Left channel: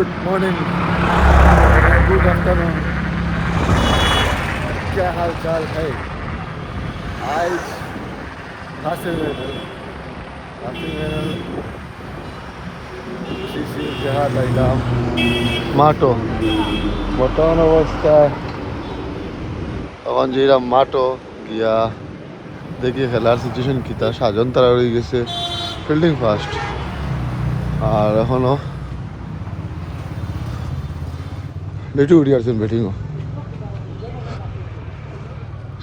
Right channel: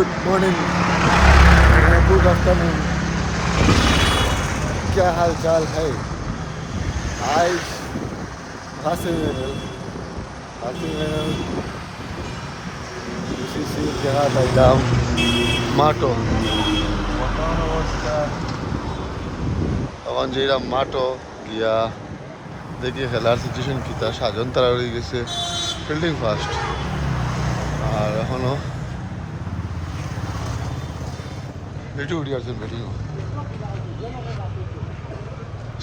Good morning, good afternoon. क्या हाल चाल है? आज মাটো বর্তমান অবস্থা এখন যেটা মাটো গিয়া দেখি খেলার সিচুয়েশন কিতা। সাজন তারা হয়ে গেছে ফিল্ডিং ফার্স্ট, আর এখনো বেটু উঠি আসছেন ব্যাটিং।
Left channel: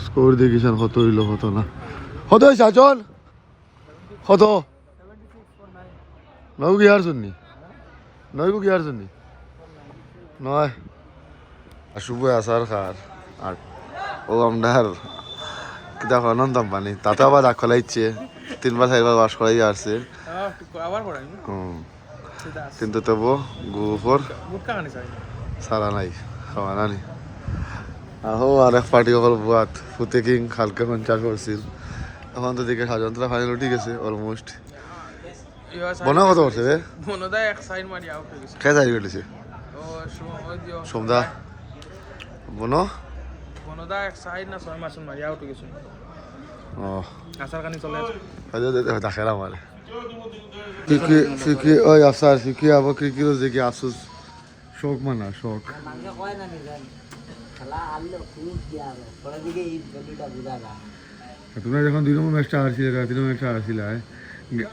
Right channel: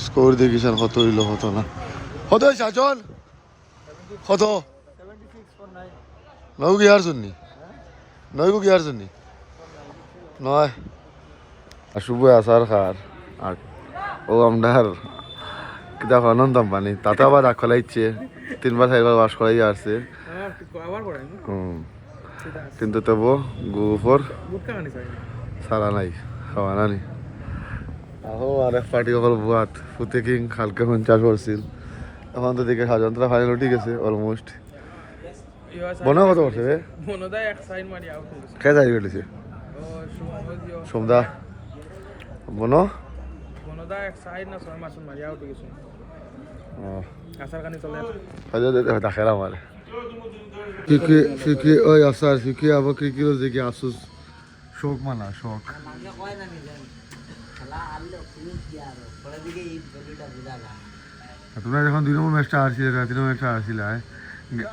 স্কোর দেখিছেন কত হইল কত না কত হয়েছে সাজন কত নয় গিয়ার জন্য নয় গিয়ার জন্য নয় আর শুভ আসার খার আর ও আমরার কিতা অনন্তম পানি তাতে আবার রাগ খোলাইছে 3 বার 4 বার ওয়াশ করাই আসছে কিন্তু তবু গুফর সারা নাই খাওয়া নানি আহো আরেক পার্টি সকল বুয়াত ফুতে কিং হালকা 50 করছিল। এখন তো দেখে সাজন্তরা ফাইনাল উঠে গেছে অলমোস্ট। বনা কত করছে রে? কে যাই গেছে সোমদা বনো দেখেন আমার ফিকি ওই আসার ফিকি আবার ক্রিকেট দেখি আসুস শোক মানা শোক। তোমরা যখন 2 নম্বর ম্যাচটা হারছিলে 3 নম্বর ম্যাচটা হারছিলে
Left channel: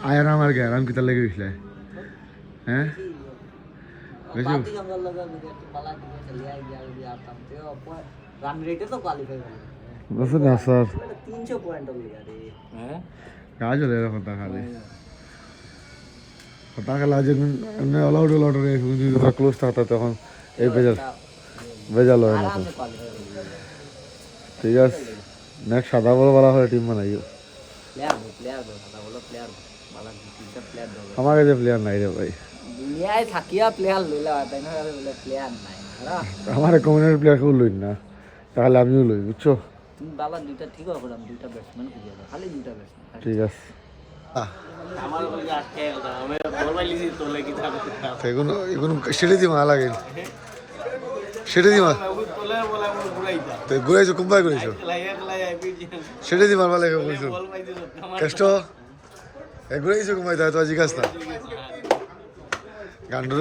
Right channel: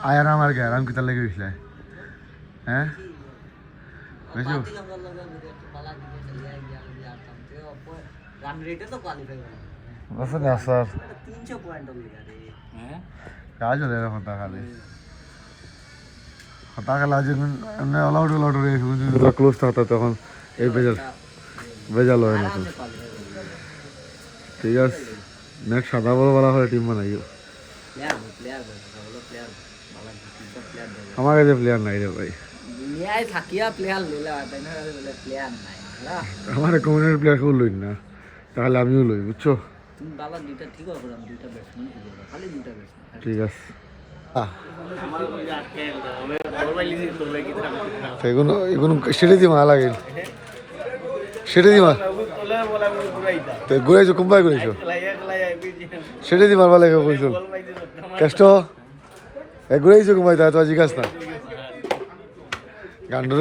আয়ার আমার গ্যারাম কিতা লেগে গেছিলে হ্যাঁ কাজ হলে কথা খালি কথা খেলা যে অলআউট ক্লোজ থাকতো তখন এই বেজাল হয় না। ঠিক আছে নেক্সট সাদা বল বলা হয় টিম বানাইও। আমার কাছে প্লেয়ার নাই রে ভাই, দুনিয়ায় থাকিয়া প্লেয়ার লইলা তাই না প্লেয়ার নাই। আমার কমিউনিটি প্লেয়ার কেউ লই না, তাহলে আমিও লই বুঝছো। তুমি বাবা দুইটা ঠিক আছে করলাম, দুইটা ব্যাটসম্যান খুঁজে দাও, খালি দুইটা ব্যাটসম্যান। ঠিক আছে সেটা দি মা লাগে সেটা দি মা ঘুরাইছো কোনবাই ঘুরাইছো সেটা দি মারবা লাগে কইছো কষ্ট ঘুরাইছো কোনবাই তাই তো জিজ্ঞাস না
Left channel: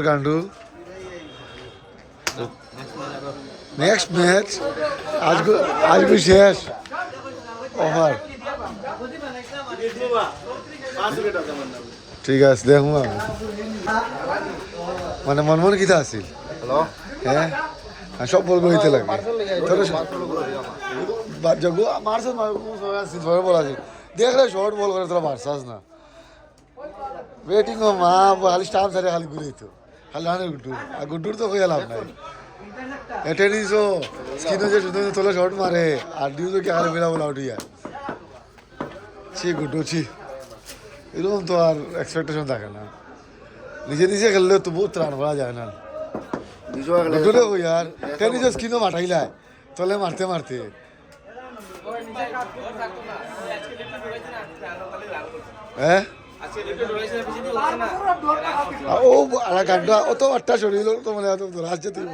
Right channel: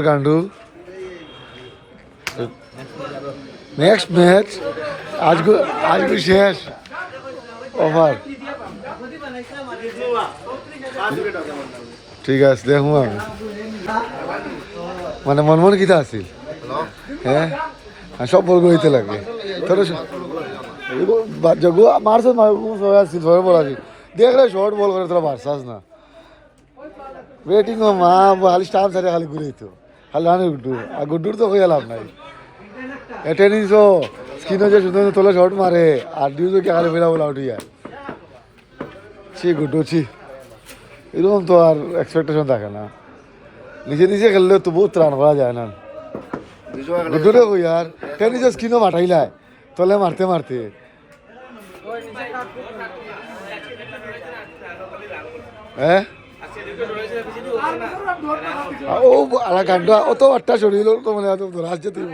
গান্ডু নেক্সট ম্যাচ আজকে শেষ ওভার। ঠিক আছে দেখো আমি মানে মন কিতা আছিল হ্যাঁ সব বল হইতে লাগে মারছ বল আছে দেখলে শর্ট বল করে তোরা মারছাস না ব্যাটিং মা খালি স্টাম্প সারে খালি ঘুরেইতো খালি রানের গুড্ডুর তো হয়ে লাভ নাই। টেনিসও স্কিনও যে সুন্দর তোলা শর্ট মারে আর ডিউজও কে খালি বেলা বলে আউট হইয়া ছি গুড্ডু ছি এরকম তো আর এক্সপেকটেশন থাকে না। নিজে খেললে তো বহুত রান করা যায় না। গুড্ডুরে কই আর টেনিসও স্কিনও মাঠাইলায় তলে মারতে মারতে হ্যাঁ ও আলা গান্ডা অত আটটা শরীর তো মানে রাজ্যে তুই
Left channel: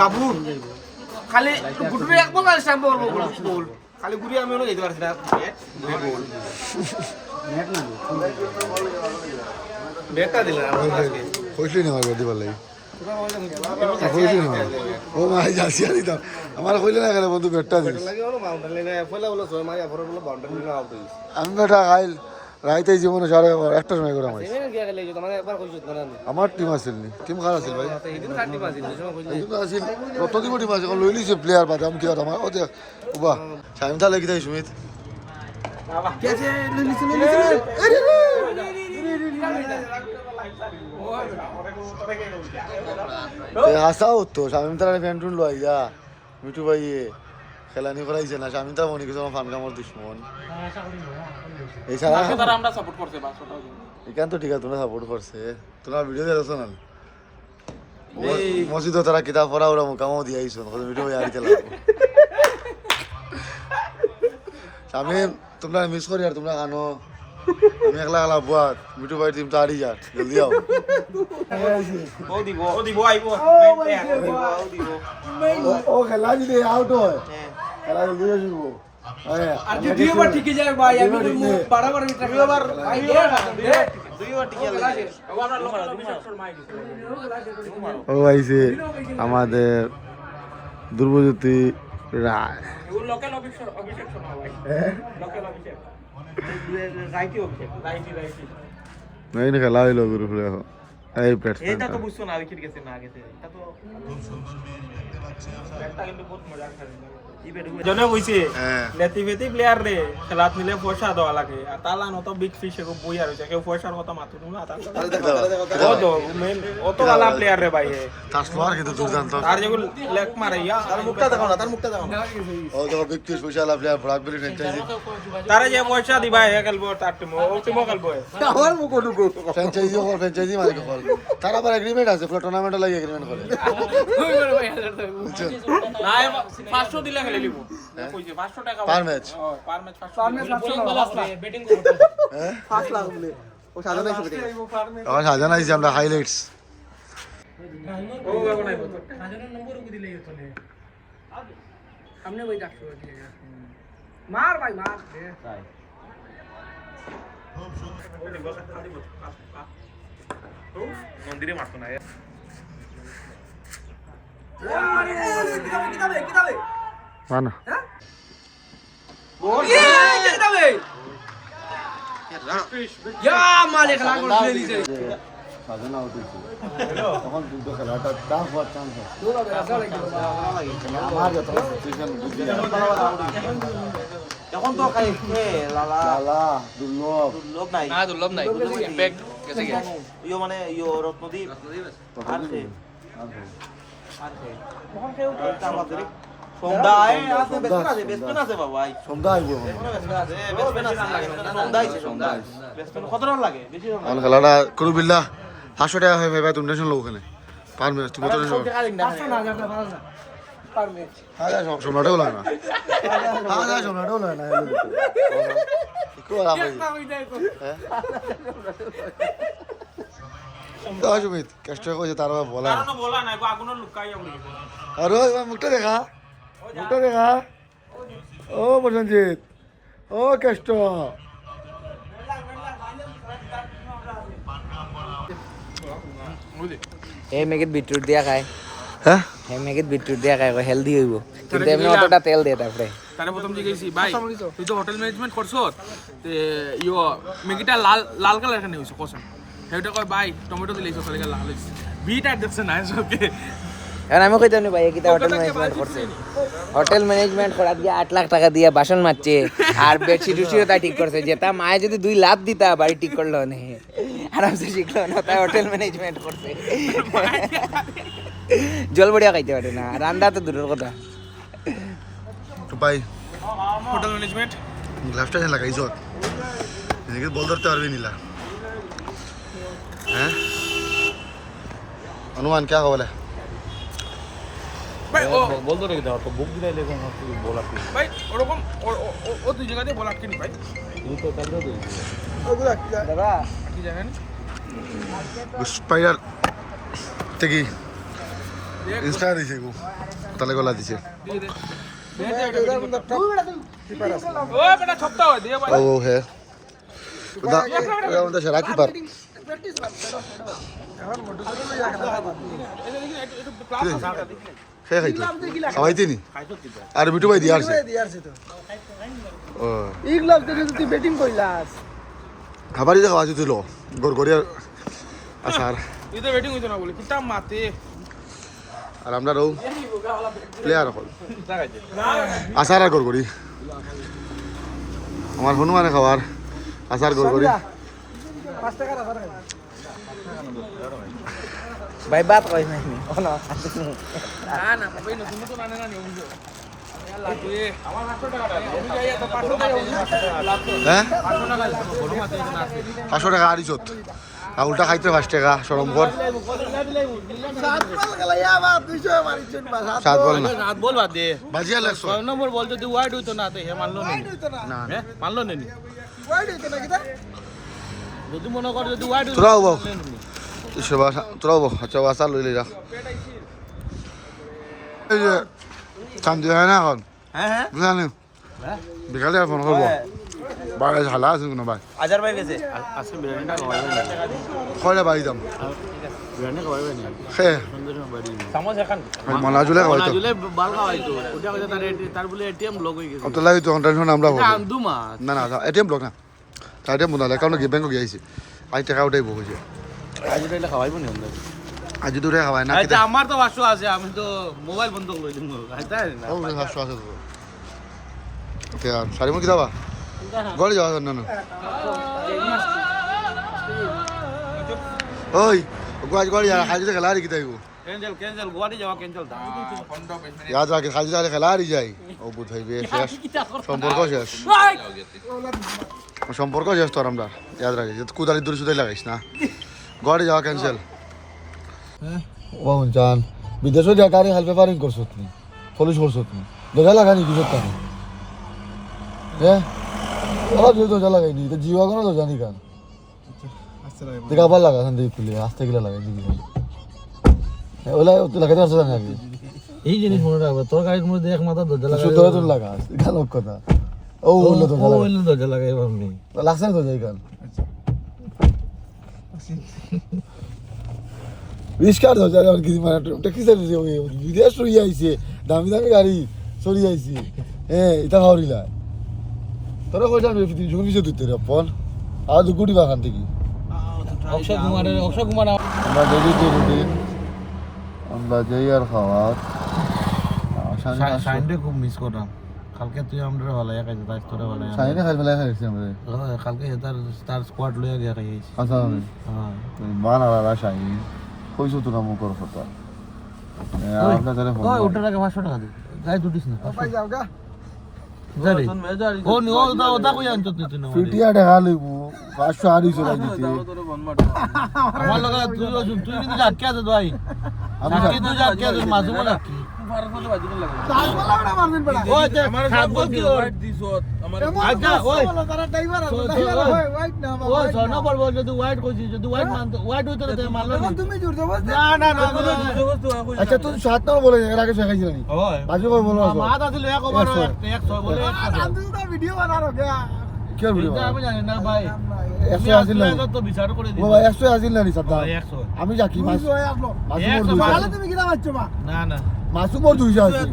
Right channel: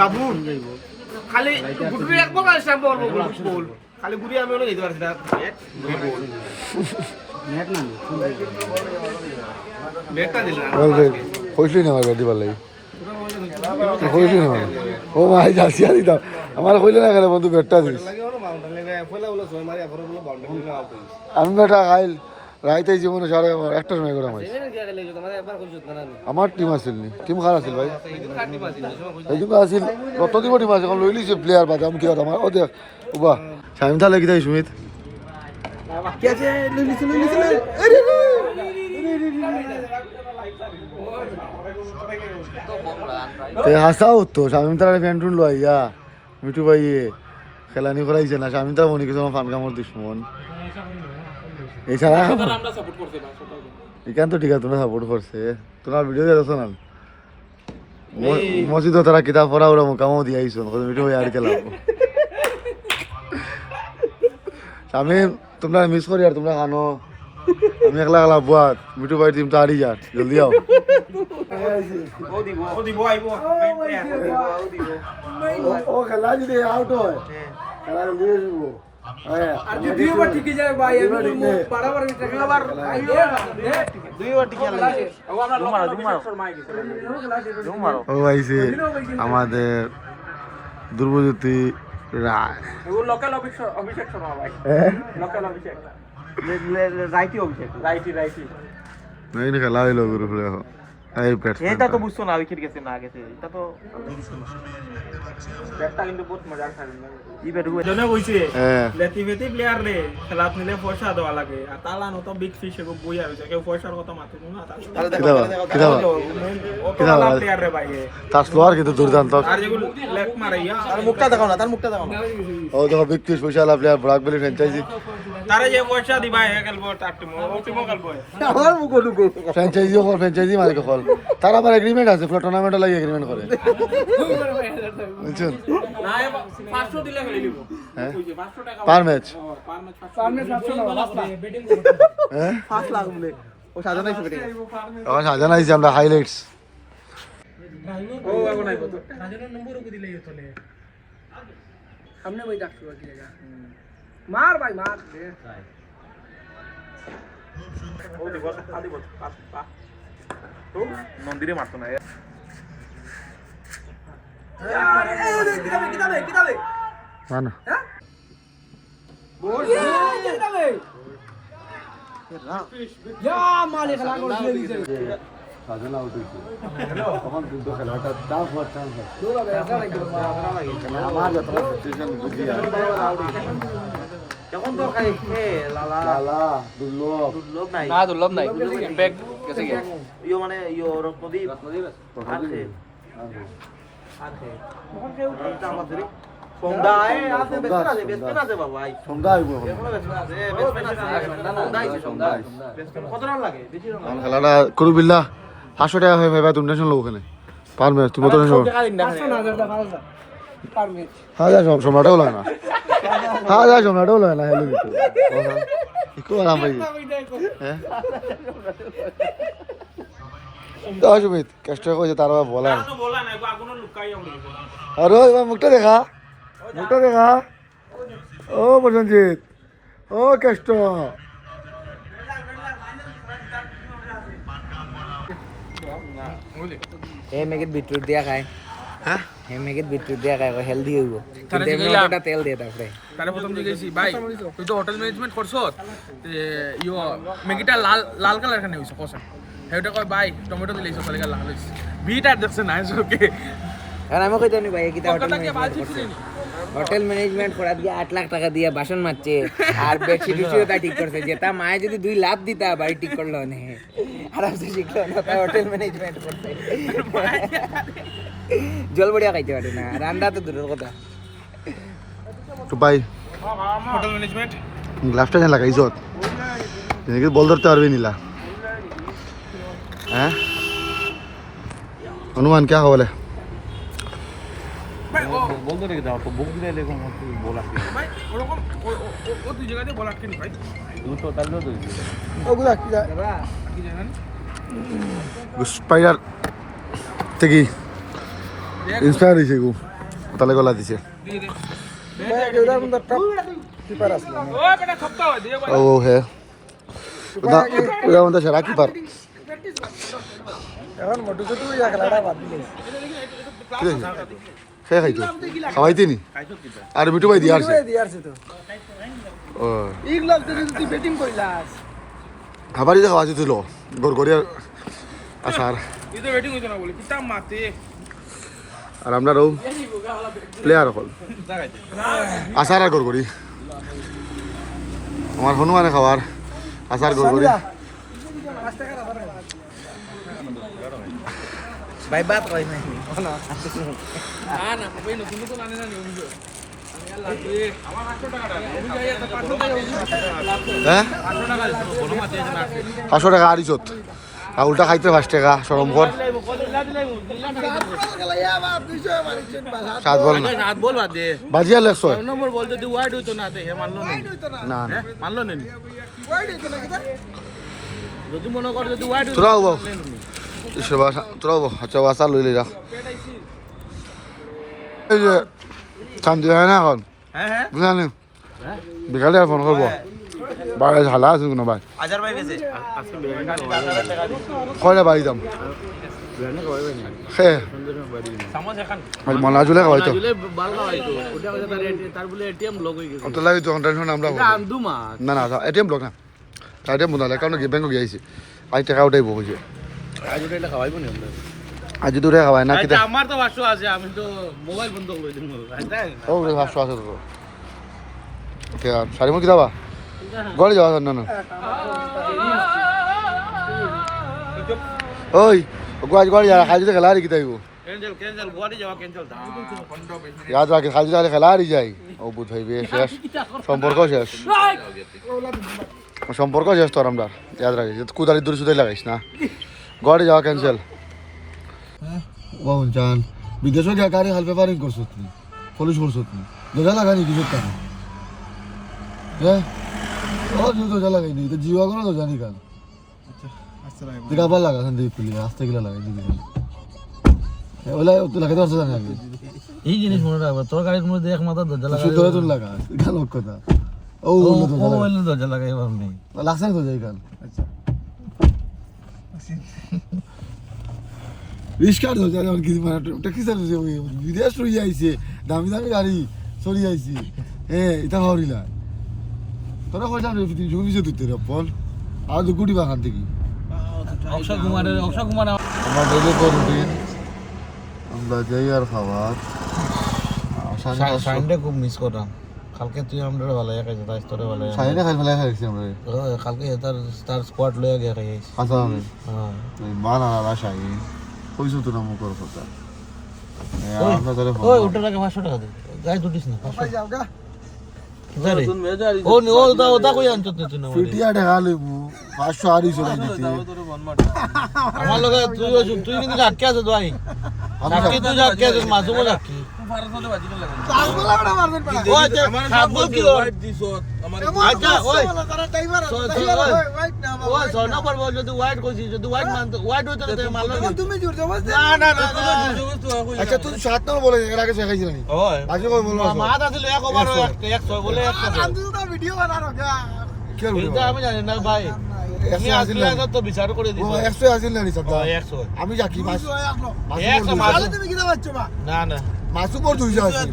বাবু খালি খালি ঘুরে আমি যেতে পারছি না হইসলি না আমার বেদি পারলাই হইসলি না ও মাই যাচ্ছি আর দিতাম আমার হইলে না গেলে বন্ধু বেটটা দিস আমি বেটা খাইল রাইতে জীবনে সাড়ে 1টার সময় করে আমার টিম আসিল নি টিম খারাপ আছিল ভাই এই জন্য আসিল রত্ন দিব টিম আছে এখন লই লিছে প্লেয়ার বাদে আমি কি আর আমার ও দেখ উবা সাইম তাহলে কি তাই সুমিত হাসাও তো স্বামী তারা ফ্যান্টুন লইয়া মিঠু ভাই খেলানি করাইছে না স্বামী তারা মনে কিছু আমার ফান কামড় দুশ্মন এছাড়া এখান তো ঠিক আছে তোমরা সাপোর্ট করছে তোমার ভিডিও দেখছো না মসজিদ তারা কিতাব পড়া ওরা কামও দিয়ে আইসো মিঠু ভাই আর খেলা আমি তোমরা মিস করি আর তোমরা খানো আমি একলা একলা বুয়া মিঠু ভাই টিম তাড়ি যার জলদি আও ও খেলা যদি আউট হয় খেলা জলদি আসবো আর দুই ওভার ঠিকই যায় ভাই আমি বারবার ট্রাফিক ও আইছে আমাদের দুর্বজ্যোতি রায় নাই না খেলা হইলো গুরু ফুলে এখন এই এটা তো ব্যাটসম্যান বুঝছো না উইকেট গেছে না গেছে এটা তো ব্যাটটা কিন্তু বহুত মজা খেলে ই ব্যাট জনে কইছে হ্যাঁ লেটিভেটি প্লেয়ার রে খেলাত নিলে পয়সা দেওয়া লাগে আর তালা নত বিগ ফিশ এগো বই আর কেউ পয়সার কথা মাথা না ওলা প্লেয়ার রে ভাই তার স্লোয়ার কিন্তু দুর্দান্ত আর যেগুলো লেগ মারে ইয়া মুখটা দেখাও না তার মুখটা দেখাও ও দেখো বিগ ফিশ পয়সা আলা প্লেয়ার ব্রাক বেলি ফ্র্যাঞ্চাইজি তারা যে পয়সা দিবা হে খেলবো তার টিম ও টিমও খেলবো আমার মুখ ঢুকো ফ্র্যাঞ্চাইজি মানে কল তার আবার এগ্রিমেন্ট আছে ফ্লো টুর্নামেন্টে লাগে এগ্রিমেন্ট করে বুঝছেন 500 দিলে খেলে নিব কইছে 500 টাকা পার ম্যাচ পার ম্যাচ 500 বেটিং হ্যাঁ 5 লাখ বলে ও সাজানো আছে বেটিং আমার সাজানো হয়েছে আমরা হাইলাইটস ও এগো নাই কত हमने वही डॉक्टर दिएगा मार भाई मार ও দেখো আদি বল তো মন্দিরে মারতো না किताबे মানা किताबे या मालिक लाग गोल खेल दी সাজানো আউট হয়েছে তখন কিন্তু খেলাটা টাফ হওয়ার চান্স আছে আমার যত সিচুয়েশন বুঝি এখন তো খাই লালা লালা দুর্লভ দুর্লভ নাই না দুর্লভ নাই ইমপ্যাক্ট গেছে ইয়ো মানে ইয়ো রত্নদীপ আর খে আর খে এটা আমাদের সন্ধ্যায় আছে বেসপেন আছে বাবা ভাই সন্ধ্যা আইব বেসপেন আছে সন্ধ্যায় বেসপেন কত রান লাগে বেশি রান এখন খেলাটা করু বিল্লা 500 টাকা হয় ভাই তুমি টেনশন লো ওখানে পার ম্যাচ তুমি তো টেনশন 500 না যেটা ভালো না পার মিনিট হাজার সম্রাটও লাগে না হাজার সম্রাটও লাগে না হেলু তো সুমিত কষ্ট কইছে তার বলা বলা নাই গো আগুন লুকাই উড়ে গেছে আরে এবার মুখটা দেখা ও প্রসঞ্জিত ও কষ্ট এই মেগিত বিটরুট দিয়া খায় হ্যাঁ এই মেগিত বিটরুট দিয়া খায় হেলদি হইব কিন্তু এমনি অতটা তেল দিয়ে তারপরে তারে প্রথম জিজ্ঞেসি ভাই তুই তো হোটেল ম্যানেজমেন্ট করছ ইয়ো মেগিটা লাল লাল কালার খানে হইছে কসম হেটা কয় ভাই টমেটো দিলেইছ সালিকা লাল হইছে বিট আর দেখছ না ওকে এখন আমি কইতাম নি ভাই কিটা হোটেল ম্যানেজমেন্ট করছে হোটেল ম্যানেজমেন্ট করাত গিয়ে 8 লাখ টাকা দিয়ে বাসন মাজছে আর বেডশিট উঠিও তা ঠিক করছে যেটা মায়ে যদি 2 লাখ দিতা বাড়ি ঠিক করলো না আরামসে শিখলো না তাই হোটেল ম্যানেজমেন্ট করছে জল বড়িয়া খাইতে পারে না রান্না তো দূরের কথা তো ভাই হোটেল ম্যানেজমেন্ট গ্লাভটা যেন লাগাইছ এনেকে বল ধরতে পারবি নিলা হ্যাঁ অনুমান কে বলে বল তো রেখে দাও তো বুক দিলে লেখো বল আপনি ভাই ওরকম ও দুই জায়গাতে বল আটকে নি ভাই দুটো তাহলে তো ওগুলা কি দাদা কি জানেন স্পাইডার থেকে ইন্সপায়ার হয়েছে গো তাহলে গলা দিছে ও বেটা খপ্তা হয় দিয়ে ও হে ওটা ওটা আমাদের সেরা কিপার খেয়ে খাইতো খাওয়াইতে নি আর মিঠু ভাই দিয়ে আসছে ও ইগলাস থেকে তুই ব্যাটিং কইলাস খাবারই যে খাওয়া যেছিল গড়গড়িয়ার আসার ইতে ওয়েটিং হইছে না বলে কিতা মাতে আর আমরা রও প্লেয়ার হল আসার আর গড়গড়ি আমার হনুমানে খাওয়ার আসার গড়গড়ি ভাই বাত কই নাই না না ভাই নতুন নতুন আনে না অভিযোগ আমি আর লাগিয়ে আমার 800 টাকা অভিযোগ আইয়া তো 500 টাকা অভিযোগ হ্যাঁ 500 টাকা কোনো মাতে না 500 টাকা আড়িছত আর উল্টা খাইতে 5 টাকা সরম কর 7 বল না হাত বল বাদ দে বাজিয়া লেখছো নম্বর বল যদি ওয়াইড হইতো না তে হে মানলো নি না না মানলো নি যদি মনে কর যদি ওয়াইড হইতো তোরাও বল তোরাও বল আচ্ছা বাসা লইলে রাখ এই যে শান্তি হয় না এখন বুঝলেন বিকালে ফোন করবো বাইরে ঝালা আছে কোনো ভাই আজার ভাই গেছে কয়টা বাড়ি যাম হ্যাঁ মলা জুলে হয়তো অত লাগে তো টেনশন আমরা না না এটিএম ব্লক না এটিএম বন্ধ হলে কারণ কি ব্যাংক গিয়েছি আজ টাকা ওটাই বসে আজ দূরে খাওয়াই না কিতা আমার তো 500 আছে আমি তো মোবাইল বন্ধ করে দিন ও 500 আছে তো কে আর সারিমন কি দাবা গড়ে যাওয়া না না ওই গোয়াজ গড়ে যা খাইতে খেলা আর কি তাইবো ক্যান্সেল গোয়াটি যাওয়া ক্যান্সেল याद आके खाली जाले खेला रही जाई ও বুঝাইবে শেষ সম্পর্ক শেষ সম্পর্ক শেষ তোর আমরা याद রাখিস কুদারি দূরে সুদাই লাগাইস না গড়ে যাওয়া ক্যান্সেল ও জান বিদেশে যা গাড়ি হাল পেপারিং করছ তুমি পুলিশ করছ তুমি দজা লাগানি কি করতে হ্যাঁ ও যে দজা লাগাইনি তো জিওয়া কোন দজা নি কান আচ্ছা দেখা ভালো লাগা সন্দেহ পুলি আস্তে গিলা লাগাই দিবি ওলা তো লাগাতে পারছ না আগে এই জিনিস মনে রাখবে তোর গাড়ির মধ্যে এক মাথা দরজা লাগাই শুধু তোর লাগা এটা লোক কথা ও ওলা তো লাগা ওলা দরজা লাগাই আমি লাগছে তো যাই কাল বিস্কার দরজা আর কি মানে ট্যাক্সি সার্ভিস বিদেশ রই আইছে দামি দামি গাড়ি চলি আইছে হ্যাঁ এটা হাওরিলা তোরা কইলা তুই জমি যে দিতে রে পন আজ গুডি বাগান থেকে অক্ষয় কুমার আমরা ডেইলি রুটিন আমরা যাই আর খাওয়াত সাইনটা খুব মিস করলাম কালকে তুই আমরা ভালো খাইছ তাই তোরে ভালো সাইনে খাই ফেলা খাইছি আমরা কালকে তার স্কোয়াড লয়ে গিয়ে খাইছি আচ্ছা আমি হ্যাঁ মান আর সাইন কইছো তো না মুখর কথা আমরা তারে ফোন ওই ওটা টাকা 500 টাকা দি যাই দুটিস না 500 যাও গা ওটা কই আনছ তুই না পিটিয়া টাকা লইবো 500 আড়ি চলাই দিতে আমার লগে তুই কিন্তু আটকে আছিস ভাই আমি তুই আটকে আছিস মাসু বলা কি আচ্ছা তুই 7 নম্বর বলে এর আগে শেখাইছিস না বাকি কই বলবো ভিডিও বানানো কি আর বলবো আমি জানি না ভাই একশো আসিল না তো বিচার করে দিই বাবা 100 আসিল না নি সাদা 100 আমি যাকি মাসু তুমি কিনা পাচ্ছ বা না না মাসু মোর 200 আছে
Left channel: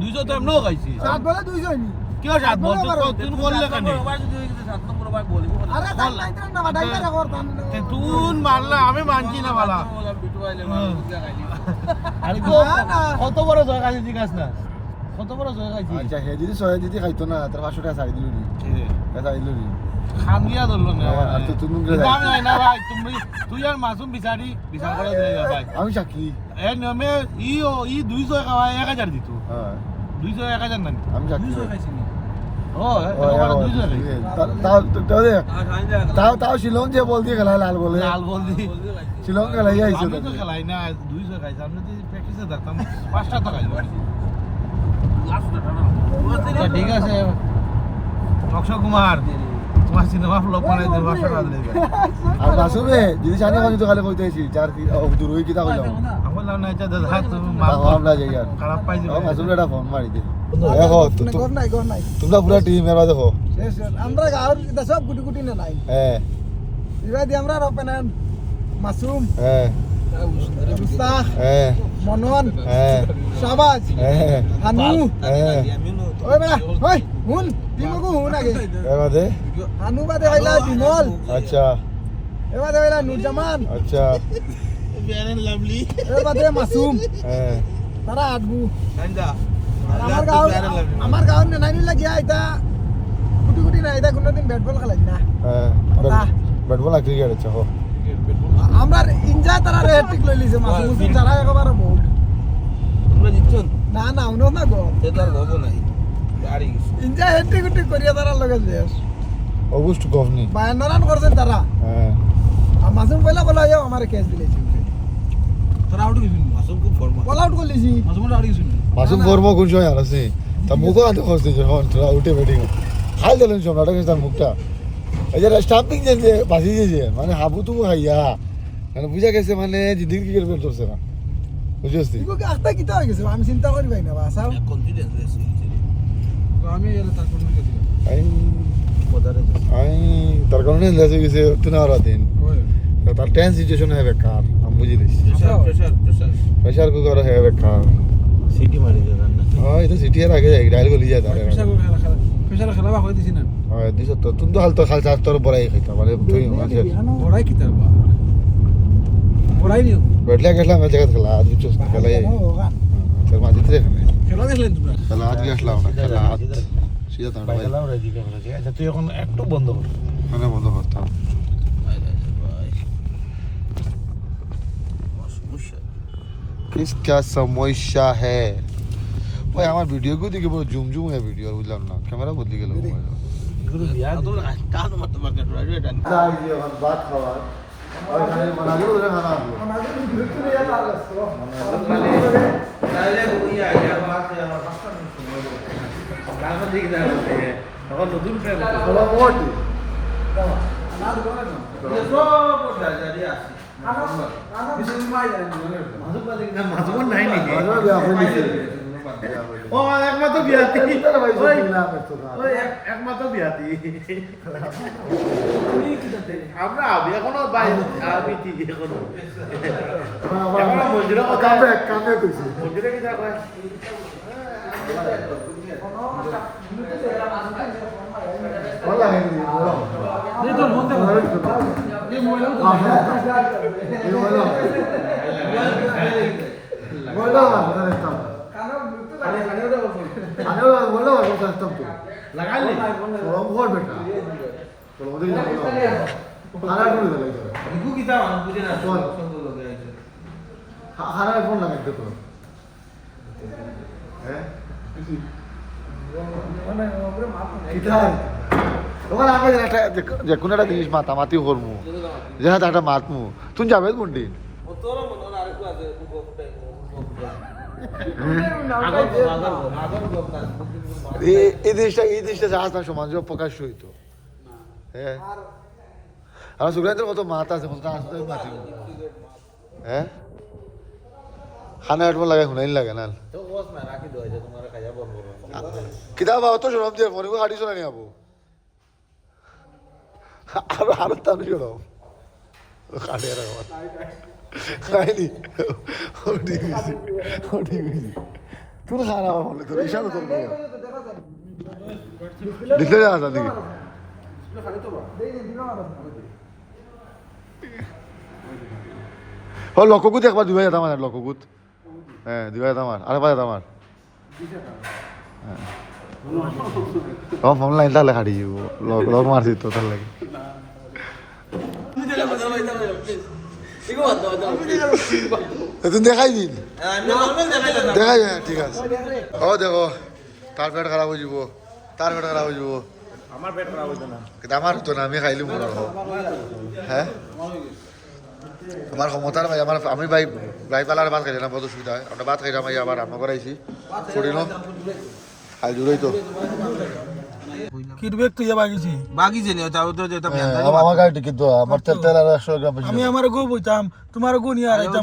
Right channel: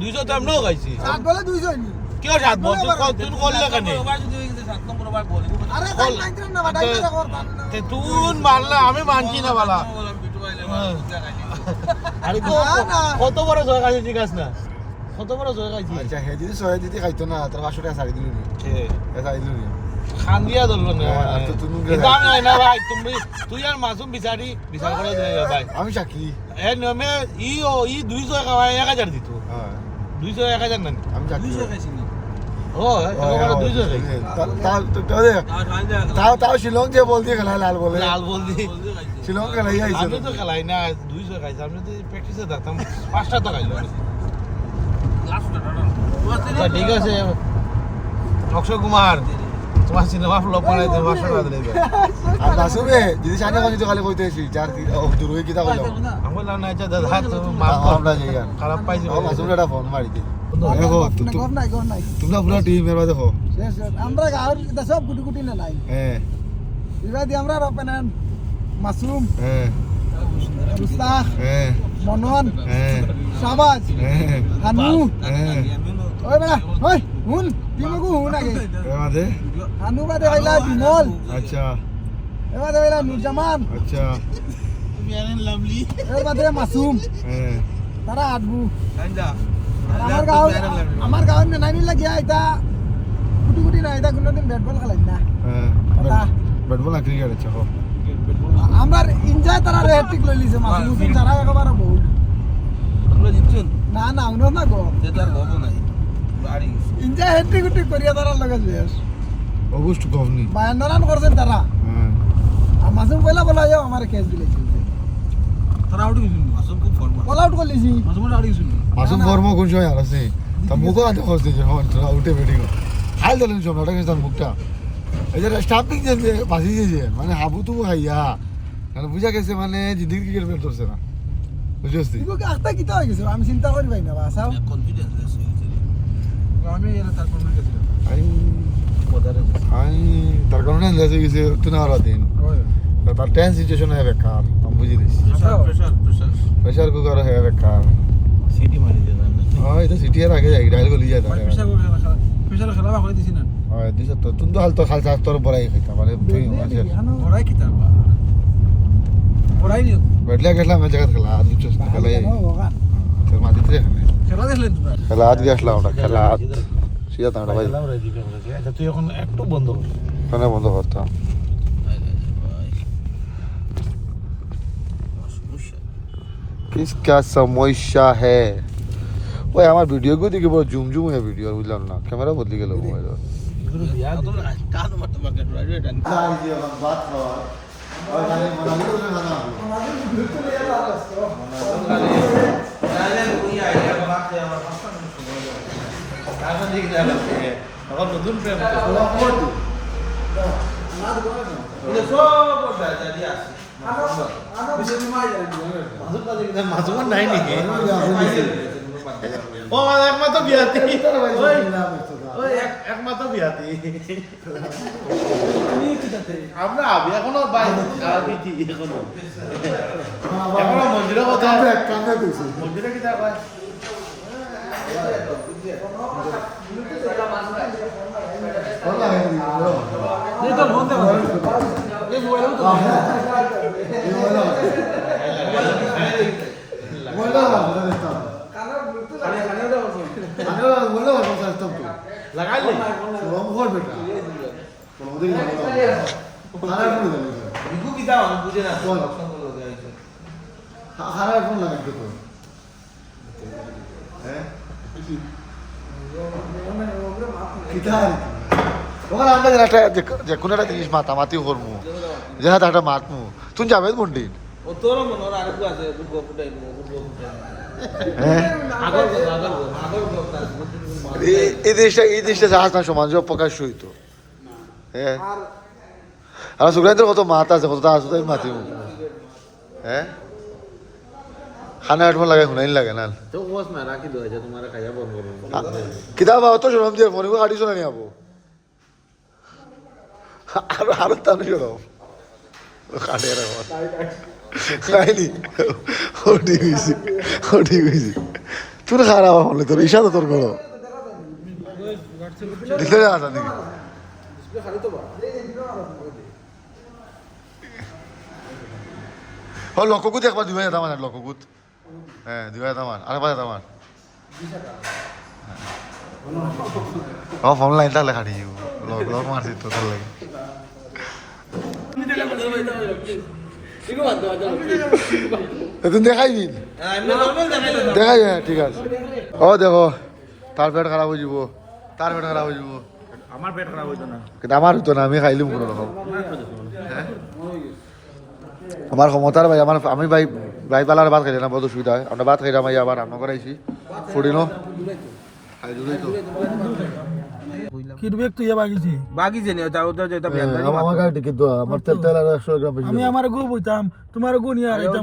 200 তো আমরাও খাইছি 7 বলে 200 নি কি আর সাত বল তুই করলে কেন আরে তাই মাইন্ড না বাটাই না করতাম তুই মানলা আমি মানছি না বাবা আরে কত বড় জয় খাইছি জিজ্ঞাস না কত বড় জয় খাইছি আচ্ছা হে যদি সহায় যদি খাইতো না তার 500 টাকা ছাড়ি দিল নি এটা দিল নি খান দিয়া ধরলো না আর তো তুমি দাম নাই না ভাই তুই আর মাসুম বিচার করে দে ভাই আমি সাক্ষী এ নিয়মে ই 200 খাওয়ায় 1000 দিত হ্যাঁ 200 1000 না আমি সাক্ষী ও 200 তাও শিলং যে বল দিয়ে খেলা লাল বলে লাল বল দি শিলং খেলাই আইছে আমি তো খেলাই না 200 খাইছি আমি তো প্র্যাকটিসে থাকতাম 5টা তো খাইলো ঠিক আছে অক্ষয় কুমার তোমার সিনেমা ফ্লপ বানাই দে 500 টাকা দিলে আর মাসুমে যদি জানে কোন যদি খালি কইতেছি চার দূর হই কিতা কইলাম আমার নাম নাই দাদা হাত আমরা যাই আর খারাপ পাইছি মাসুমে একটা ফোন মারি দে দেখো গর নাই তোমরা পুরো টিম এর দেখো আমরা গাঁর সব গুটি গুটি না নাই হ্যাঁ এবার দি আমরা ওপেনার মাসুম হ্যাঁ মুস্তাক হ্যাঁ মনন হ্যাঁ শাবাজ হ্যাঁ হানু হ্যাঁ ওই বেটা ওই হুন তিনগু হুন আগে এবারে হানু বাদে হইলা বিমল আচ্ছা এবারে হইলা নুরজামান আচ্ছা ফেয়ার লাভলি এর বাদে মাসুম হ্যাঁ তারা আটবু আমার গাঁৱত নাই নিলা গিয়া এটা গুটি গুটি নাই এটা কোনোদিন ব্যাট বল খেলাই না হ্যাঁ ব্যাট বল ক্রিকেট আচ্ছা হো আমার ইনজায় তারা হ্যাট্রিক লই লিছে মাসুম যারা একেবারে বোল্ড আমরা জিতছুন না না উনো না গো তে তার গব নাই বাড়ি ইনজায় হ্যাট্রিক গুটি করিয়া তারা লগে শেষ অবশ্য গভনি 52 রান করছেন তারা হ্যাঁ মাসুম পয়লা বলা যাও আমার কেস দিলেছি তারা আউট হইছিল মাসুম খুব ফরমাল বল আউট করলেছি মাসুম আউট হইছিল মাসুম ফর্ম কোন সময় আর আছে তা মুখও আনতে খসতে যখন তোরা উঠে ব্যাটিং খাই দিলেন সব নাটক তার মুখটা এই যে স্টাম্পিং যে বাসি যে মানে হাবু তুবু খাইয়া মানে বুঝা গেছে মানে জিদির ক্রিকেট প্লেয়ার ধরছে না বুঝছিস ইগো কি আস্তা কিতা হয়ে গেছে আমি চিন্তা করি ভাই না বাসা কনফিডেন্স আছে আমি এর তারপর মেরে দিলাম আমি তার কারণে লেসে গেছে তুই না আর দিন তার টেন্স সিচুয়েশন হয়ে বেকার আমি বুঝি দিচ্ছি প্রেসার প্রেশার কুকার হয়ে বেকার সিটি মারি যায় না হয় তো সিটি এর আগে ডাইল গলি যায় তারে প্রেসার খেলা হই দিছি না হয় দিছ তো তুমি তো হাল তো খাল তোর বড়াই খাইতা মানে তুই মানে বড়াই কি তার বড়াই নি বেটলা গেছলাম এই জায়গা খেলা আজ বুঝছ খেলা তোর মাঝে থেকে খেলা দেখলেন খেলা আজ গেছলাম ওটা খেলা আজ সিধা তাঁটা ভাই আচ্ছা তুই এখন একটু বন্ধ কর মানে বন্ধ করতাম किसका समस्या है ওই আমার ভিডিও গুলো দেখে বড় জুম জুম হয়ে ভিডিও বুঝলাম না ক্যামেরা বদলে গেল এগুলো বিয়া তো কাজ মারতে পারবে ড্রাইভার बात खावा और बना लो खाना মাঝুমন নাই নাকি ও একমাত্র বিয়াতি ওই একমাত্র বিয়াতি আমরা আবি এখনো বাইরে আবি কি এখনো এখনো মন্দিরের কথা কামে কইছি মন্দিরে কি তা কয় বলা হে এই তো হতে এই মোবাইল তো বলা বলা está আরে বলা বলা está tú লাগালি vamos a বেটা চলো ওদিকে হারা করে দিলে বিকু কি তা মানে বুঝে না বল। সঙ্গ লগে আছে হারা ফোন লাগাই দে তো হ্যাঁ কিতার ওখানে আমরা যে কোনো একটা জিনিস মাতামাতি করমু যে হাতে একটা মাতমু তুমি যাবে মন্ডিন ও তোর মনে আরেকটু আছে বুঝবো ফুটাই হ্যাঁ আগর এই দেশটা জাহাজ না সমাজ প্রকাশ হইতো হ্যাঁ আর সুগ্রান্তের কত মাত আছে কত আছে তাই মাতিব হ্যাঁ খানা হেডফোন লাগে শুনাইন লাগে না তো ওস মে রাখি দো যে তোমারে খাইয়া বন্ধ করো কিতাব অত শোনাম দিয়ে মনে গাড়ি শোনা নি আবো আরো তাহলে শোনাম কাটে রাখো খাইনি ও ঠিক হয়েছি তুই খারাপ হলে তোর ইশা তো তোর করো দেখতে আসা দেখি ও লককুত একবার দুই যেতাম আমার লককুত হ্যাঁ দুই যেতাম আমার আরেকবার যেতাম আমার ও ফোন লাইন তাহলে খাটি যাব লক মারছি তো তার লাগে তুই দেখাই দিন দেখাই হ্যাঁ ঠিক আছে ও দেখো তার পেট খারাপ হয়ে যাব তার পেট খারাপ হয়ে যাব আমার পেট খারাপ হইতো না কিন্তু আমার হতো না আমি খাইলাম কোনো রকম হ্যাঁ আমার ক্ষমতার ভাই আমার আমি ভাই পালার ভাত খাই না বহুত অসুবিধা হয় আমরা ভাত খাইলাম আবার রান্না করাইছি ফুটিনো আই দূরেই তো কিরবেক তুই বাগিছি বাগিছে নি ওটা ওটা যেটা আমার গাড়ি টিকিট দেওয়া আমার তেল আর 100 গ্রাম বেশি আমি আমার গো বইতাম তোমার গো নিয়ে আইতাম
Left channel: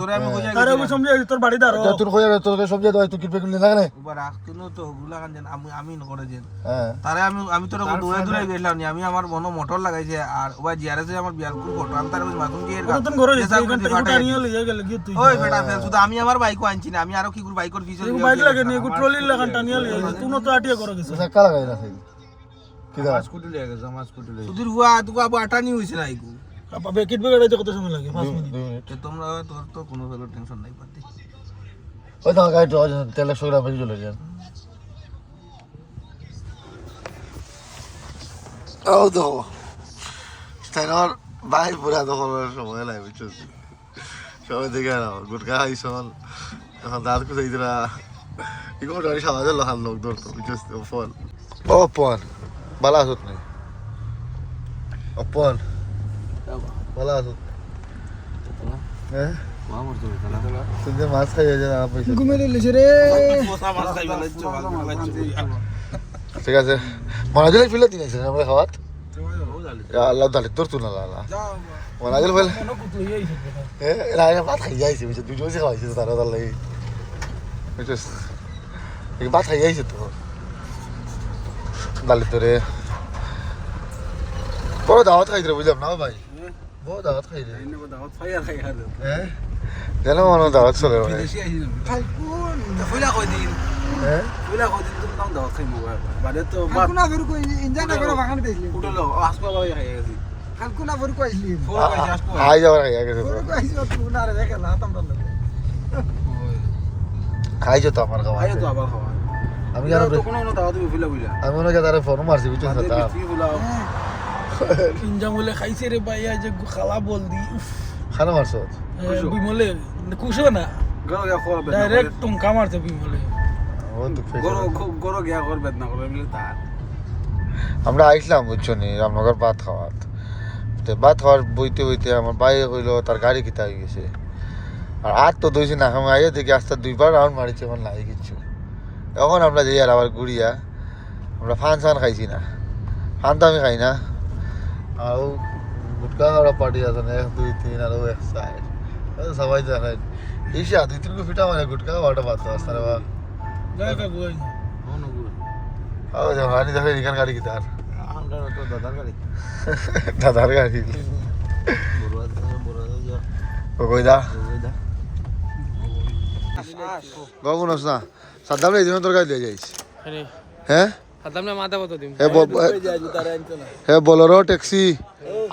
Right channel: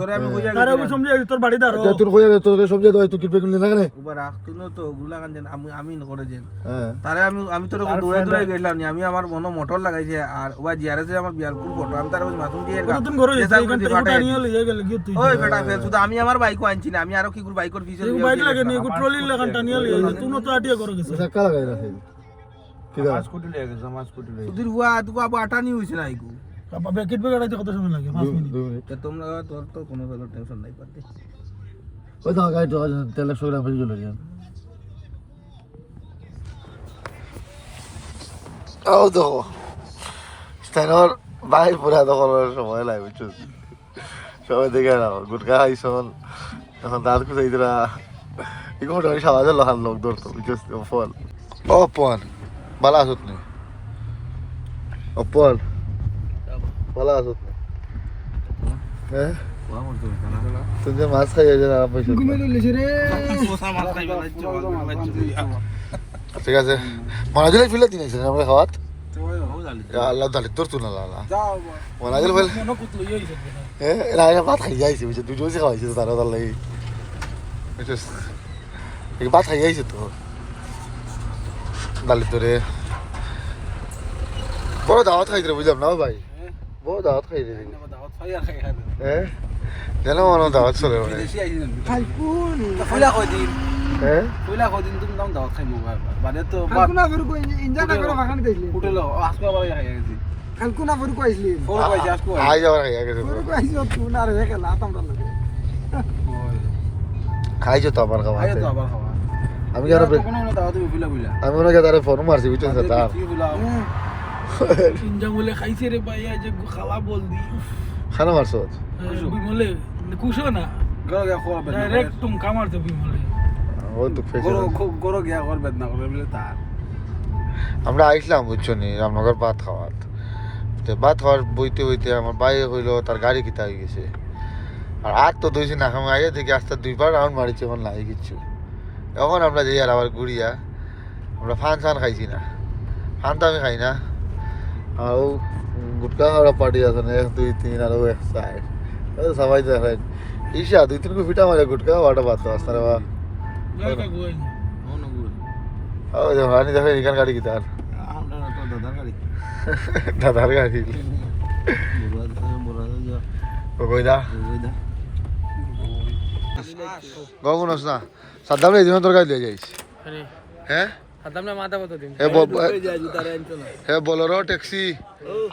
তোরে আমি কইয়া তার আমি সমঝে তোর বাড়ি দাঁড়ো তুই কইয়া তোর সমঝে দাও তুই কিরবে কিনলি না কেন উবা রাখতো না তো গুলা কান আমি করে যেন হ্যাঁ তারে আমি তোরে দৌড়ে গেলাম নি আমি আমার মনো মোটর লাগাইছে আর ওবা জিয়ারে আমার বিয়ারপুর ফটো আমি তারে মাথুম দিয়ে গা তুমি ঘরে যেসা করে ফাটাই নিয়ে লইয়া গেল কি তুই ওই বেটা ফেল শুধু আমি আমার বাইকও আনছি না আমি আরো কি করে বাইকের পিছনে বাইক লাগে নি ট্রলি লাগান টানিয়া লইয়া তুই তো আটিয়া করে গেছিস ধাক্কা লাগাই না সেই কি দাও স্কুটি লেগে গেছে আমার স্কুটি লেগে শুধু হুয়া তুই আবু আটানি হইছে না আইকু বেকেট বেগাড়াইতে কত সময় লাগে 5 মিনিট 2 মিনিট তোমরা তোর তো কোনো ফেলো টেনশন নাই পাতি ওই তো গাড়ি তো তেল 100 গ্রাম বেশি চলে যান ও তো স্থানীয় ভাই পুরা দখল সময় লাগে বুঝছো সবাই দেখে না গুটকা খাইছন এখন দাঁত খুঁজাই দিলা এই মোটামুটি সমাজের লহান লোক ধরতো বুঝছো ফল ও পন বালা আসত নেই ও পন ভালো আছো হ্যাঁ তুমি মাছ খাই ঘুমে লিছে রে ঠিক আছে মনাজিল ফিলে দিন আছে আমরা খাওয়াত আল্লাহ তাহলে তোর তুই না লালা মনাজিল বলে হ্যাঁ ভাত খাই যাইছে বুঝছো দুই জোসে খাওয়াইছে তারা তার লাগে বুঝছিস ভাত খাই যাইছে তো ডালি তোরে বড় দাওয়াত খাইছে বুঝলাম না ভাই বড় দাওয়াত খাই রে হ্যাঁ জানো মনে দাওয়াত চলে ভাই ফুলা কই দিন হ্যাঁ ফুলা কই দিন তুমি নাম দাও খাই মোবা বাদে তো কালকুনা ফের কই ইনজা না করে ভাগান দেইলি উঠলো আসবা বাই খাই গেছি কালকুনা ফের কইলি ও কই আসবা আই যাওয়ার খাই গেছে তো কইছো তুই না রে খেলা আতাম দল লাগে খাইছো তো আমার খাওয়া আয় তো আবার খাওয়া আমি আর আর তো কোনো না দাও তুমি ফুলা বুঝলা আমি ওনাকে তারে ফোন মারছি বুঝছো বাদে তা কি ফুলা কিনজা বলে খাইছে রে ভাই আজ খালা বল দি খানা মারছো বিমলে কুশো না গরো গিয়া খাওয়া বেদ না ডাইরেক্ট টুমকা মারতে বিমলে ও তো গরো গরো গিয়া কর বেদ না করে মিলে তার আমরা আইসলাম বুঝছো নি রামনগর ভাত খাওয়ার তো ভাত খাওয়ার বইতে বইতে আমার বাইরে হইলো তার গাড়ি কিতা হয়ে গেছে আর তো দইছি না আমি আইয়া দেখি আস্তে দুইবার রাউন্ড মারিছে এখন নাই কিচ্ছু এখন আমরা যাই আর আবার ঘুরিয়া আমরা ফান সান খাইছি না ফান তো আমি খাই না আর গুটকা আমরা পার্টি আছে না 1 2 3 আর 1 সাইড সবাই দেখেন ইসা 2 3 ফিটা মারে গুটকা ওটা ভাত আসতে রে বা গায় কা গোই ও যে হানি দেখেন এখান গাড়ি কিতা আর আমরা তো দাদার গাড়ি দাদার গাড়ি ও কইদা বাবু না সাদ্দাম এই দিন তরকারি দিয়ে যাইস হ্যাঁ খাতাম না মাথা বতো দিম হ্যাঁ বোলেরো ট্যাক্সি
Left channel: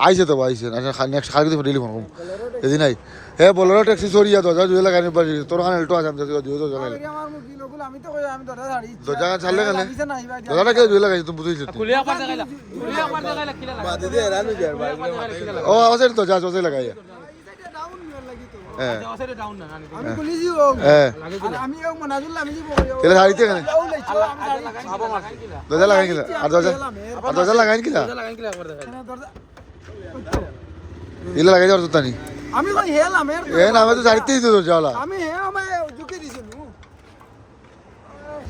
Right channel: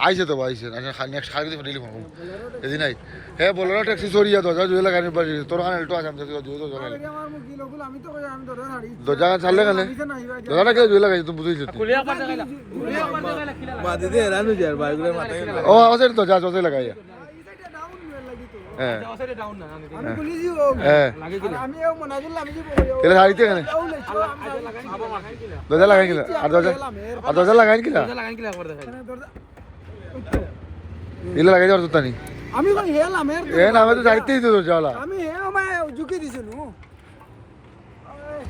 আইছে তো আইছে নেক্সট খালি দিলি ফোন এদিন আই হ্যাঁ বোলেরো ট্যাক্সি সরিয়া দরজা জুয়ে লাগানি পারি তোর খানে একটু আসাম জুয়ে তো জানাই আমার মুখি লোকুল আমি তো কই আমি দাদা দাঁড়ি দরজা ছাড়লে কেন দরজাটা কেউ জুয়ে লাগাইছে তুমি বুঝেছো কুলিয়া পার জায়গা কুলিয়া পার জায়গা লেখিলা বাদে দে রানু যার ভাই ও আছে তো যা চোসে লাগাইয়া হ্যাঁ আসলে ডাউন না নানি আমি বলিছি ও হ্যাঁ আমি ও মনাজুল আমি যাব কই তেলে শাড়িতে কেন দরজা লাগাই কিনা আর দরজা লাগাই কিনা লাগাই কি লাগবে দেখাই দিলে লাগাই যাওয়ার তো তানি আমি কই হেলাম এর এ না আমি তো শাড়িতেই তো দরজাওয়ালা আমি হে আমায় ঝুঁকে দিছিল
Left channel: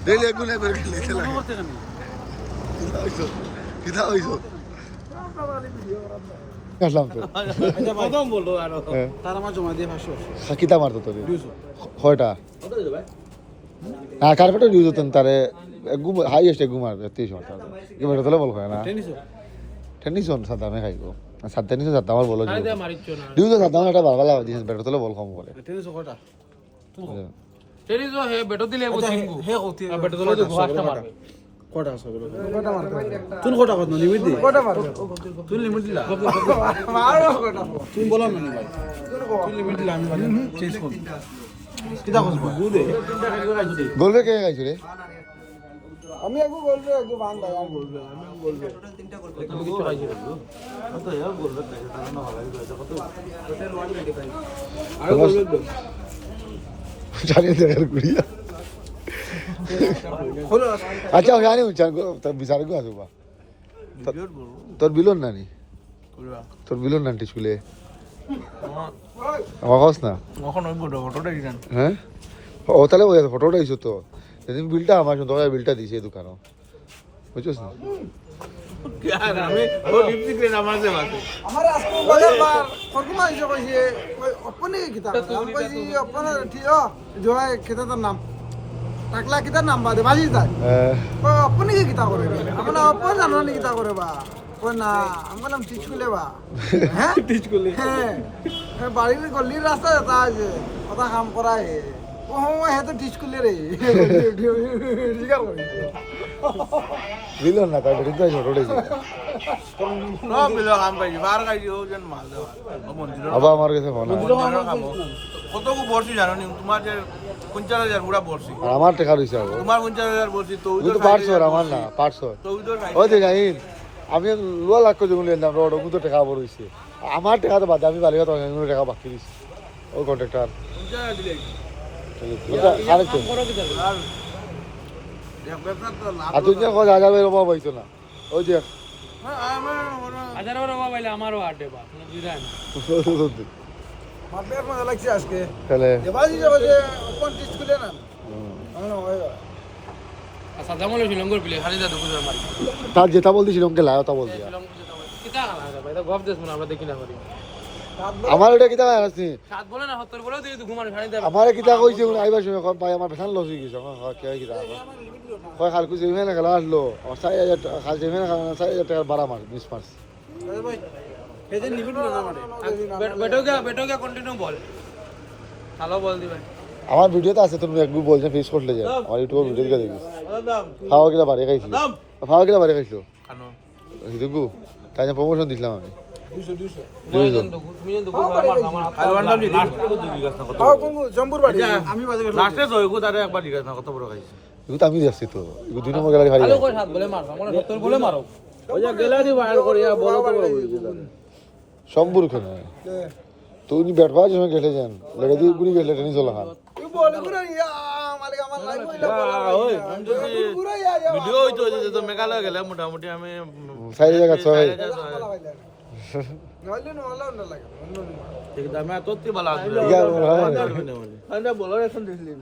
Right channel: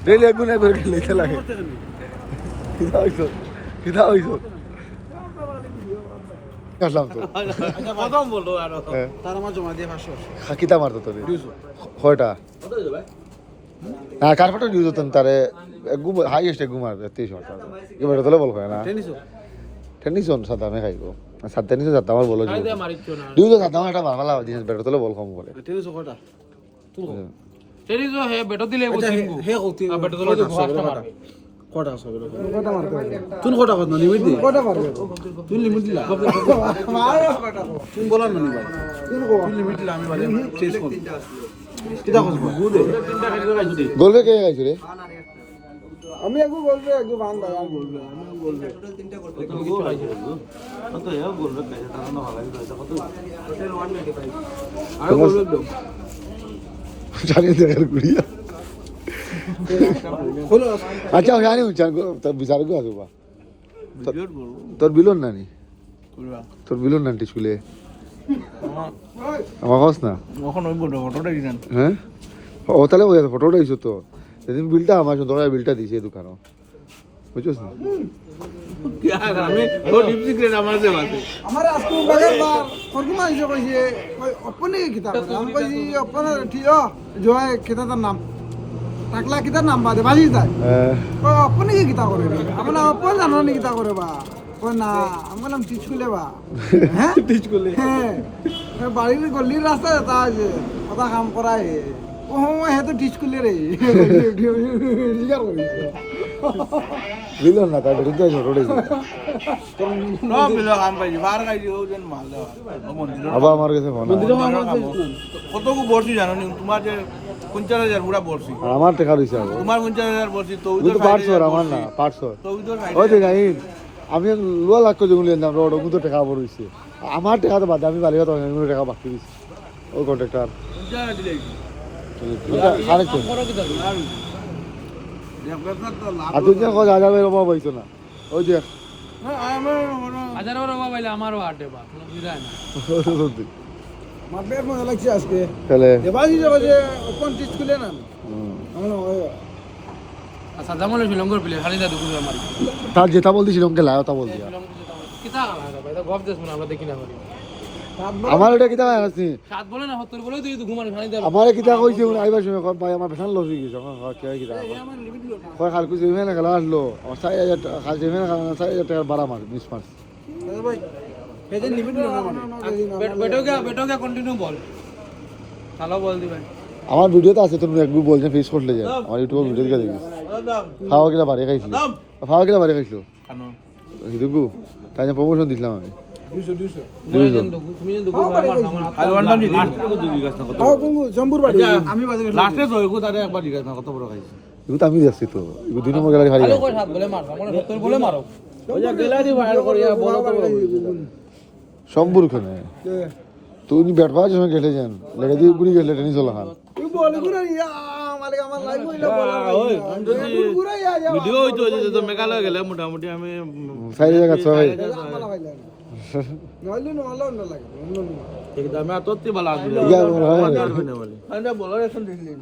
ডেলি এক গুণে করে লিখে লাগে কিতা হইছো আসলাম তো প্রথম বলতো আর তার আমার জমা দিয়ে 500 কিতা মারতো তোর কয়টা না কার্পেটও ইউজ হতেন তারে গুম হাইয়েস্ট গুম মারবে 30 টাকা কি বড় তোলে বল হয় না টেনিস অন সাদা মে খাইবো সাদা টেনিস সাদা আমার বলো মারিছো না ইউজ সাদা এটা বারবালা জিনিস বেড়ে তোলে বল কম বলে টেনিস কটা তেরি जो है बेटो दिले वो दिन को হে হতে बेटो दिले কটা সবে কটা মারতে হবে তুই কটা কত লিমিট দি কটা মারবে তুই লিমিট দিলা মারো কটা তুই বল না নিবা তুই লিমিট দিলা আমি বাদে চেঞ্জ করি কিটা হসব গুদে বলবে কে আইছে রে আমি একটু বলবো একটু ভাঙ দাও বলবে আমি বলবো তো গো আইছে তো ইয়া বলবে কাছে তার না ভালো আছে কত টোটাল 195 আর বলবে জানি দেখেন গুড়িয়া হলো আচ্ছা আমি জানি উচ্চার তোর বিচার কি আছে বা বিলিয়ন বলবো তোর বিলন না নি কুলবা তোর বিলন না স্কুলে আমার কাছ না কখন ওই বড় অটোটা দিলেন হ্যাঁ ও তাহলে ওই ফটোটা দিছো তো সেদিন বিলটা আমার শুধু বিলটা দিছে দোকানে বুঝছিস না কি আর আমি ও ডিপ সিক্রেট আমার কাছে আছে আমার আজকে বাগার বার ফরকুমা হিসেবে কইছে কই ওপনে কিতাব আমি কইছি ওপনে ঠিক জয় কিতাব তার নাম টাকলা কিতাব নাম বাদে বাজি যায় কই ওপনে কি কিতাব করে রে আমরা ওপনে জানো নি কিতাব করে বা কই না আমার নাম টিচ করলে বা হ্যাঁ টিচ করলে হ্যাঁ বাড়ির গলির রাস্তা তা আছে কথা কাম করায় ও হে তো টিচ করলে রে রিগা করি বিলন না কাজ রিতে করে না মিলো কাম পাইছি বার গাইছি ও যেন মাল দাও মন্দিরের আলো আমার কাছে মনে কত কো বর্ষি জানো নি তোমার যে 50000 পুরা বর্ষি আর আমার টাকা দিছে না তোমার 50000 বর্ষি তো এটা উদর 500 50000 আমার বর্ষি না 500 তো উদর ওই যে নাই আমি লোয়া লাগতো যেমন না রোড ওগুলো টাকা বলেছি আমার টাকা তো বাদ আমি বাড়ি তো অনেক টাকা বাকি দিছি ওই কন্ট্রাক্টর 50000 দিলে এক ব্যবসা তো লাভ আর তুই তো কথা জানাবে বাবা হইতো না ওই যে মার্কেট মজা লাগছে আজকে তাহলে দেবালি যে ওপেন টিস্ট খুলে না আমরা আচ্ছা জামল ছিলাম করে প্লে হারিয়ে দাদু করে আমার তার যেটা বলতেছিলাম কে লাও তা বল কিতা ভাই গপ দেছ না আমরা দেখি না আমার ওটা কিতা আছে সাত বলে না 70 বলে তুই ঘুমান ছাড়ি দে আমার কিতা কইছি আইবা শুনে কর ভাই আমার বিশাল লস হয়ে গেছে আমার কে কিতা কয় খালকু জিমে না গেল আসলো 4000 টাকা খাল জিমে না 4000 টাকা ভাড়া মারে 20 পাস ভাই এদের লিমিট না মানে বেটোকে কন্টিনিউ বল চালো বল দিবে আমার ভিডিওতে আছে তুমি একটু বলছে ফিস করলে যা আমার ইউটিউব ভিডিও করে দিই খাওয়া কিনা বাড়ি খাইছি খাওয়া কিনা বাড়ি খাইছো কেন হিদুগু তাই যে প্রমোশন দিছিলাম আমি 200 তুমি যেন দুগু আমার আলওয়ান দাম দিদি কোন জম্বুর বাড়ি আমি বাজে লাস্টে তো এগো তারে একবার জিজ্ঞাসা কত বড় খাইছিস এগুলো তো আমি দেখছি তো এগুলো দুই নম্বর গাড়ি ভাড়া সাত বলে মার 70 বলে মারো সম্বর খেলে তুই ব্যাট বাজ সময় খেলে যান লেগে দিয়ে পুরি গেলে টেনিস হলো খান তুই বল গুনা ইয়া মালিক আমার লাইভ হইলো বলার ভিডিও হইতো যে তো মেঘালয় গেলে মোটামুটি আমি 4000 নাইলে নো আলো না লাগে একদম আমি আততি বলা আগুলে ইয়া মারতে পারবে না বলে আন্ডা বলার শুন দিলাম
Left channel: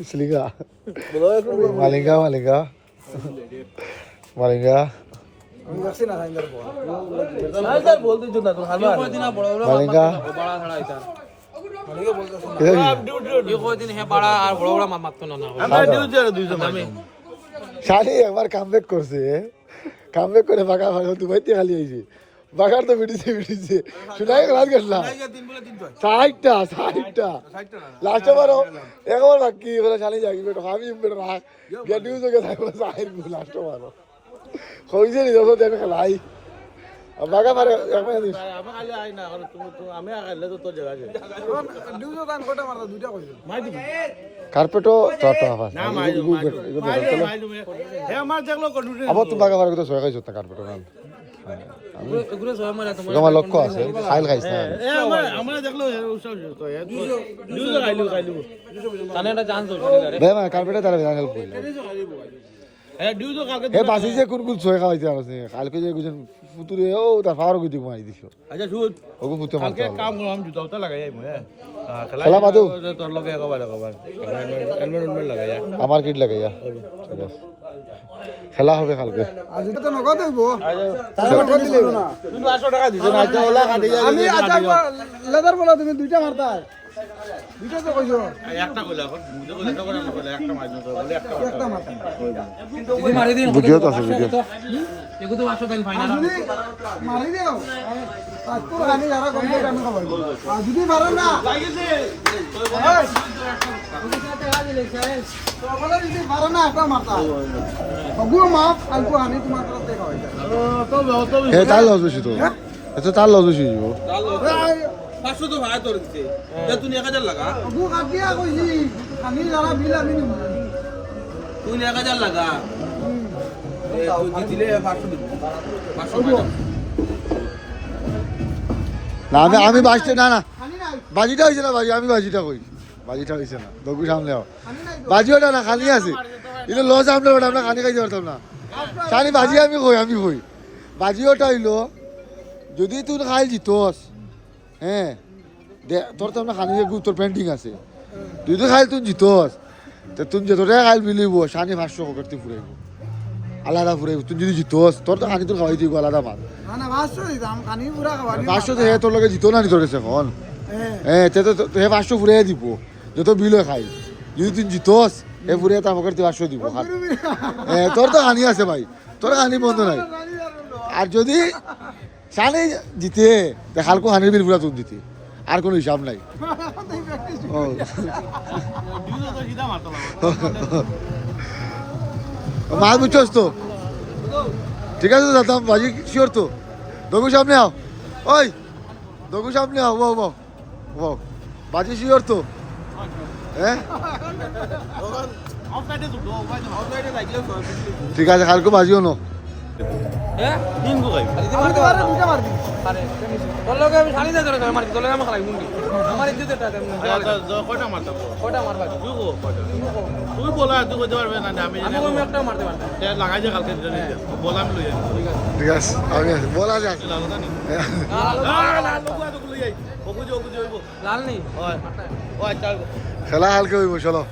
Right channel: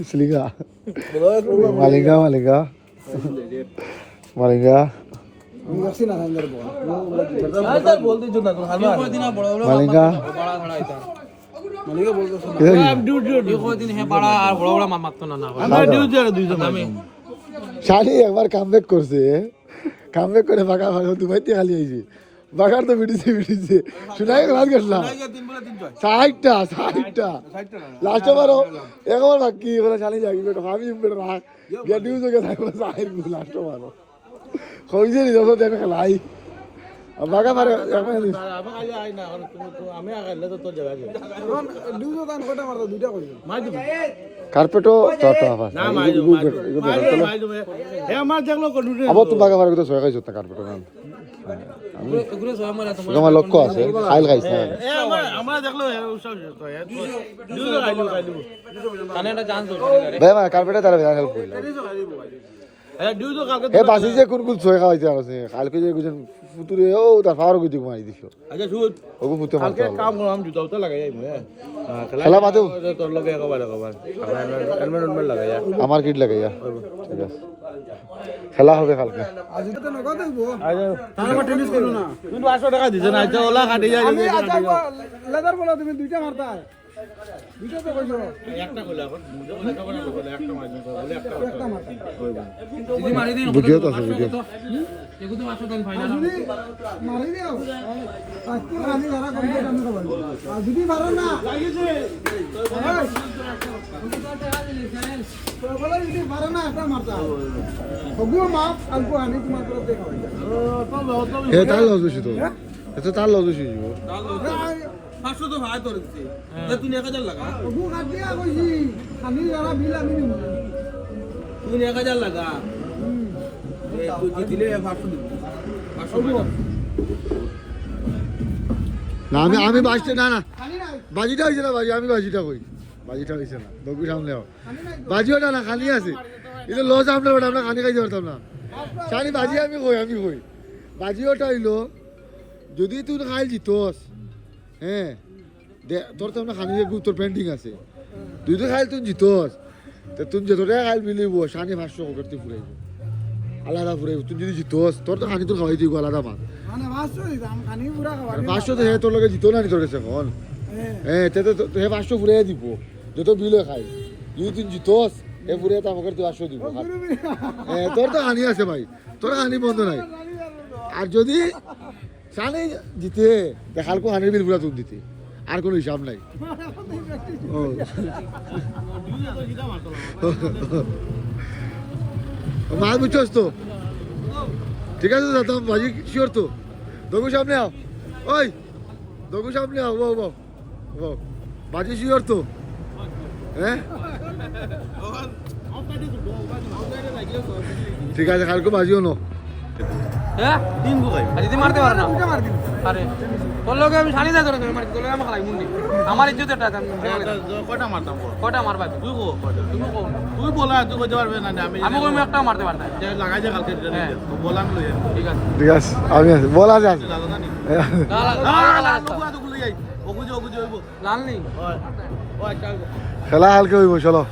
Seliga. Malinga. আমি দেখছি না হাইন্দার বল বলতে জন্য Malinga. মালিক বলতে ডিউটি কদিন হে বড় আর বড় বড় মারতো না আমরা ডিউটি আর 200 মারি শালি একবার কামব্যাক করছে কামব্যাক করে বাগা ভালো দুবাইতে আলি আইছি বাগার তো মিটিছে শুনাই রাত গেছলাম 60টা লাস্ট বারো একবার বাকি বলে শালি যাই বেটো আমি বেটো রাখ গেডিউ জগে যাইবো সাই লাস্ট বারো কইছে নি দেখো দেখো ভাই বাগা মারে আমি আগলে তো তোর জায়গা যায় এখন ডিউজো দান কটা মারতো দুইটা কইছো মাই দিব কার্পেটো তোটা আবার না মাই দিব হে আমার দেখলো কন্টিনিউ আবার তো বাগা মারে তো সয় খাইছ না কার্পেটো তোমার লক্ষ্য আছে খাইল খাইছ না আমরা দেখলো তো ডিউটি খাইলো আনেটা জান তো ভাই মা কার্পেটো তারা হেল্প করে এ ডিউটি কালকে এ বাসি যে কোন কোন সয় খাইছে আছে কালকে যে গুজন ফুতুরে ও তার ফারো গদি মাই দিছো আচ্ছা শুন ওগো ফুতে কালকে কাম করলাম জুতা উতা লাগাই আইমু হ্যাঁ খেলা বাদেও তোর লগে একবার এনভায়রনমেন্ট লাগাই আমার কিট লাগে খেলা হবে কালকে আজ তো নগদ হইবো তারপর টেনিস করো না তুমি 500 টাকা দিছ না আচ্ছা ওলা কাটি যায় আমি লেদার বলা তুমি দুইটা মারতা দুইটা তো কইছো একটা কইলা এখন দুটো কইলা তো বলে একটা মাইজ বলে একটা মারতা যদি মারি দিন ভিডিও তো আছে ভিডিও এগো তো 500 টাকা ফাইনাল যদি মারি দাও আজ তো আমি যারা কমপ্লিট আমি খাবো আর যদি মারো না তো বলে যদি মারো না একটা মারতা হগু মাপ আলকো আনি কি মাত্রা দেখা হয় এ তার লস বেশি তো এটা তার লস বেশি 500 তো ভাই তোর দিতে তে তুই 1000 লাগা হগু কাটিয়া কইছি আমি যারা বিল আমি নিব তুই 1000 লাগা এ তুই দিলে 500 দিব 500 ভাই না আমি বাজতে না না খালি নাই বাজিটা হইছে না বাজি আমি বাজিটা কই বাজিটা হইছে না দগু সামনে আও খালি নাই বাজিওটা না খালি আছে এটা লস আমরা ওটা আমরা খালি খাইতে পারতাম না সানি বাজি আমি কই বাজিওটা হইলো যদি তুই খাইল জিতস হ্যাঁ তোর তো না খানি তোর পেন্টিং আছে তুই তো খাইল তুই জিতস তো তুই যতটা খাইল মিলিব সানি 500 করতে ফুরাইব আলাদা ফুরাইব তুই যদি জিতস তোর তো খানি তোর খাওয়াই দিব আলাদা মাছ না ভাসছো দিতাম খানি পুরা খাওয়া 500 তো হে তোর লগে জিতো না নি তোর কাছে এখন হ্যাঁ তে তো হে 500 ফুরাই দিব যত বিল খাই যদি তুই জিতস হে ফুরাই তা আমাকে 500 দিব হ্যাঁ তোর তো খানি আছে ভাই তোর খানি বন্ধ নাই আর যদি সানি জিতে দেখালকো হানির বিল পুরা তুই দিতে আর কোনো হিসাব নাই ও মাল বুঝছস তো ঠিক আছে দাদা বাজি শিওর তো দগু সামনে আও ওই দগু সামনে আও ও বাজি শিওর তো হ্যাঁ ঠিক আছে কালকে বাজিও নো হ্যাঁ তিন গো খাই যদি মারতে পারে দুটা মার দিন আরে তোর লগে আমি শানি যা ধরে মারতে তোর লগে আমার খালাই মুন্ডি আমার ইজ্জতটা কয়টা মারতাম কয়টা মারবা তুই কো কয়টা তুই বলা তুই কইতে পারবে না আমি আমি জানি ওই একটা মারতে পারতাম লাগাই যে কালকে নিয়ে যা বলা আমি লই যাই ঠিক আছে ঠিক আছে আমি আছি বলা যাক লাল জানি লাল লোক আতো লই যাই ওগুজো হইব লাল নেই ওই চল খেলা হালকে হইব চলো